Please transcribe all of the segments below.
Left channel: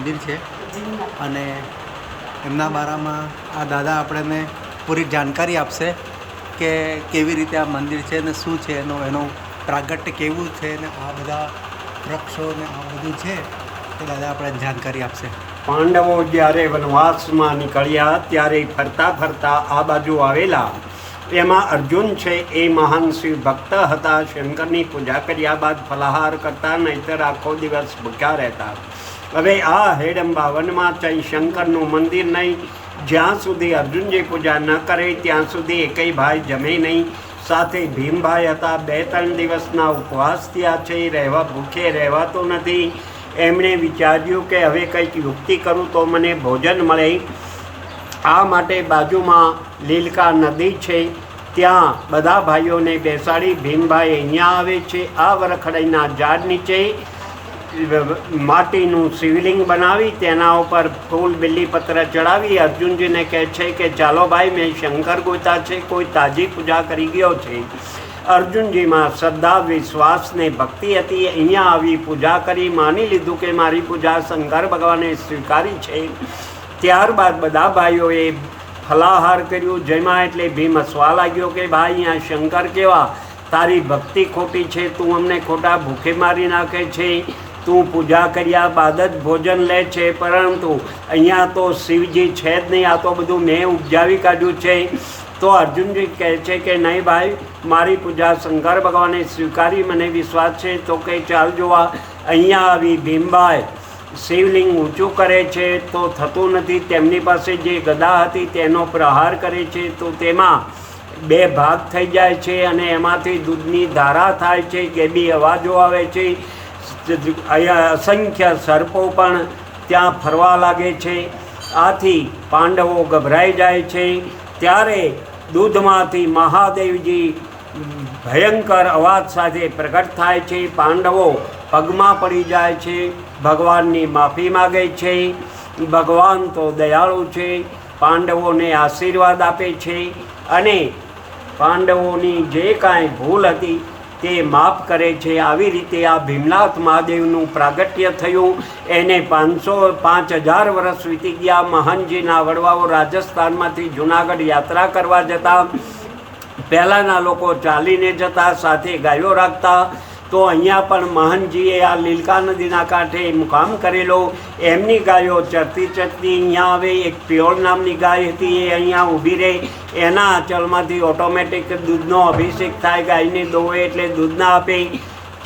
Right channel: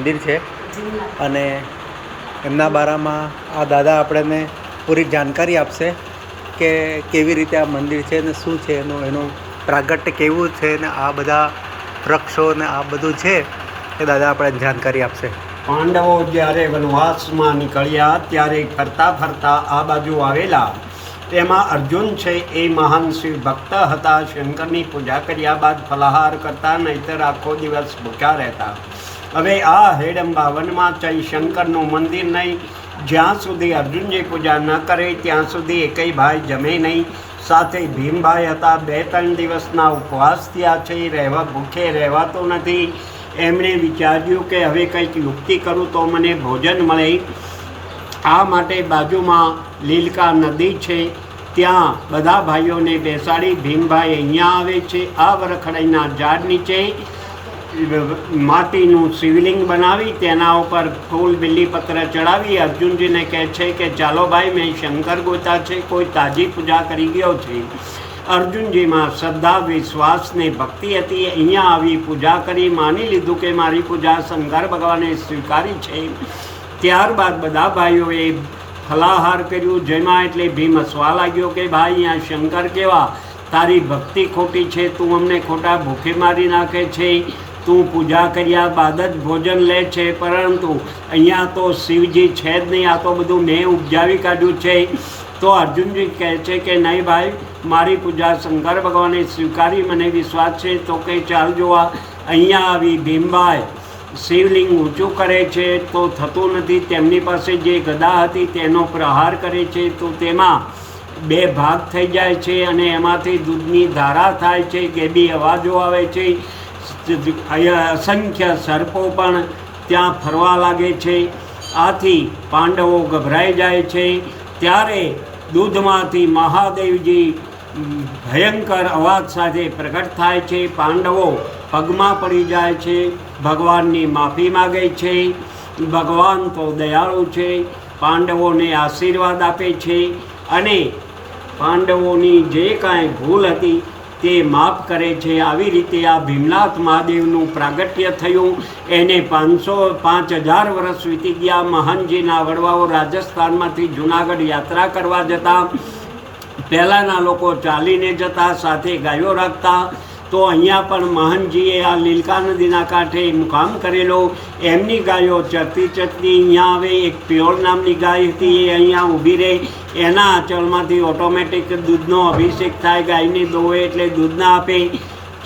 મંદિર છે અને એમના બારામાં આ દાદા આપણને પૂરી જાણકારી આપશે કે કેવી રીતે આ મંદિર છે ને શું છે એનું પ્રાગટ્ય કેવું છે ને આ બધા વૃક્ષો ને આ બધું છે એ દાદા આપણને જાણકારી આપશે. પાંડવો જ્યારે વનવાસમાં નીકળ્યા ત્યારે ફરતા ફરતા આ બાજુ આવેલા. એમાં અર્જુન છે એ મહાન શિવ ભક્ત હતા. શંકરની પૂજા કર્યા બાદ ફલાહાર કરતા, નહીતર આખો દિવસ ભૂખ્યા રહેતા. હવે આ હેડંબા વનમાં જઈ શંકરનું મંદિર નહીં. જ્યાં સુધી અર્જુનજી પૂજા ન કરે ત્યાં સુધી એકેય ભાઈ જમે નહીં. સાથે ભીમભાઈ હતા. 2-3 દિવસના ઉપવાસ થયા છે, ભૂખે રહેવાતું નથી. એમણે વિચાર્યું કે હવે કંઈક યુક્તિ કરું તો મને ભોજન મળે. આ માટે બાજુમાં લીલકા નદી છે, ત્યાં બધા ભાઈઓને બેસાડી ભીમભાઈ અહીંયા આવે છે. આ વરખડીના ઝાડ નીચે માટીનું શિવલિંગ બનાવી તેના ઉપર ફૂલ બિલ્લીપત્ર ચડાવી અર્જુનજીને કહે છે કે ચાલો ભાઈ, મેં શંકર ગોતા છે, કોઈ તાજી પૂજા કરી ગયો છે. અર્જુનજીમાં શ્રદ્ધા, વિશ્વાસ ને ભક્તિ હતી. અહીંયા આવી પૂજા કરી માની લીધું કે મારી પૂજા શંકર ભગવાને સ્વીકારી છે. ત્યારબાદ બધા ભાઈઓએ ફલાહાર કર્યું. જેમાં એટલે ભીમ હસવા લાગ્યો કે ભાઈ, અહીંયા શંકર કેવા, તારી ભક્તિ ખોટી છે, તું અમને ખોટા ભૂખે મારી નાખે છે. તું પૂજા કર્યા બાદ જ ભોજન લે છે, પરંતુ અહીંયા તો શિવજી છે જ નહીં, આ તો બધું મેં ઉપજાવી કાઢ્યું છે. તો અર્જુનજી કહે છે કે નહીં ભાઈ, મારી પૂજા શંકર ભગવાને સ્વીકારી, મને વિશ્વાસ છે. તો કે ચાલ જોવા. અહીંયા આવી ભીમભાઈ શિવલિંગ ઊંચું કરે છે તો થતું નથી. તેમની પાસે જે ગદા હતી તેનો પ્રહાર કરે છે તો તેમાં 2 ભાગ થઈ જાય છે અને એમાંથી દૂધની ધારા થાય છે, કેબી અવાજો આવે છે. અહીંયા અસંખ્ય સર્પો પણ ત્યાં ફરવા લાગે છે. આથી પાંડવો ગભરાઈ જાય છે. ત્યારે દૂધમાંથી મહાદેવજી ભયંકર અવાજ સાથે પ્રગટ થાય છે. પાંડવો પગમાં પડી જાય છે, ભગવાનની માફી માગે છે. ભગવાન તો દયાળુ છે, પાંડવોને આશીર્વાદ આપે છે અને પાંડવોની જે કાંઈ ભૂલ હતી તે માફ કરે છે. આવી રીતે આ ભીમનાથ મહાદેવનું પ્રાગટ્ય થયું. એને 5000 વર્ષ વીતી ગયા. મહાનજીના વડવાઓ રાજસ્થાનમાંથી જૂનાગઢ યાત્રા કરવા જતા. પહેલાંના લોકો ચાલીને જતા, સાથે ગાયો રાખતા. તો અહીંયા પણ મહાનજીએ આ લીલકા નદીના કાંઠે મુકામ કરેલો. એમની ગાયો ચરતી ચરતી અહીંયા આવે. એક પિયોળ નામની ગાય હતી, એ અહીંયા ઊભી રહે. એના આંચળમાંથી ઓટોમેટિક દૂધનો અભિષેક થાય. ગાયને દોવે એટલે દૂધ ના આપે.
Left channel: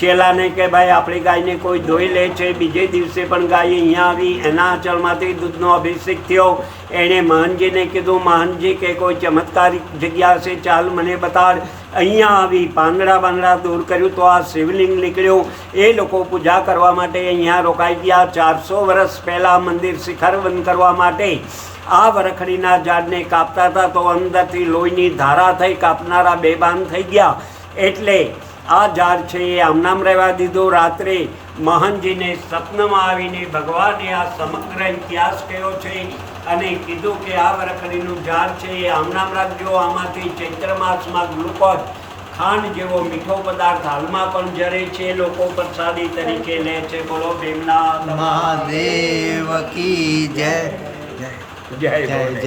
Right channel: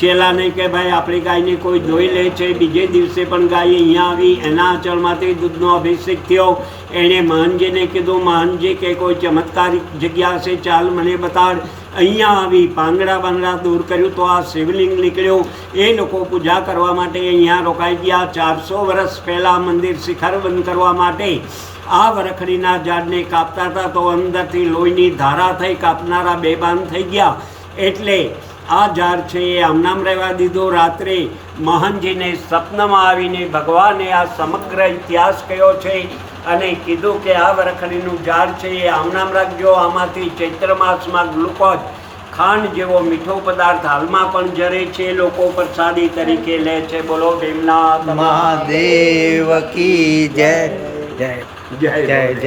ચેલાને કે ભાઈ, આપણી ગાયને કોઈ દોઈ લે છે. બીજે દિવસે પણ ગાય અહીંયા આવી, એના આંચળમાંથી દૂધનો અભિષેક થયો. એણે મહાનજીને કીધું, મહાનજી કે કોઈ ચમત્કારિક જગ્યા છે, ચાલ મને બતાડ. અહીંયા આવી પાંદડા દૂર કર્યું તો આ શિવલિંગ નીકળ્યું. એ લોકો પૂજા કરવા માટે અહીંયા રોકાઈ ગયા. 400 વર્ષ પહેલાં મંદિર શિખર બંધ કરવા માટે આ વરખડીના ઝાડને કાપતા હતા તો અંદરથી લોહીની ધારા થઈ. કાપનારા બેભાન થઈ ગયા. એટલે આ ઝાડ છે એ આમનામ રહેવા દીધું. રાત્રે મહાનજીને સ્વપ્નમાં આવીને ભગવાને આ સમગ્ર ઇતિહાસ કહ્યો છે અને કીધું કે આ વરખડીનું ઝાડ છે એ આમનામ રાખજો. આમાંથી ચૈત્ર માસમાં ગ્લુકોઝ, ખાંડ જેવો મીઠો પદાર્થ હાલમાં પણ જરે છે, લોકો પ્રસાદી તરીકે લે છે. બોલો ભીમનાથ મહાદેવ કી જય જય જય જય.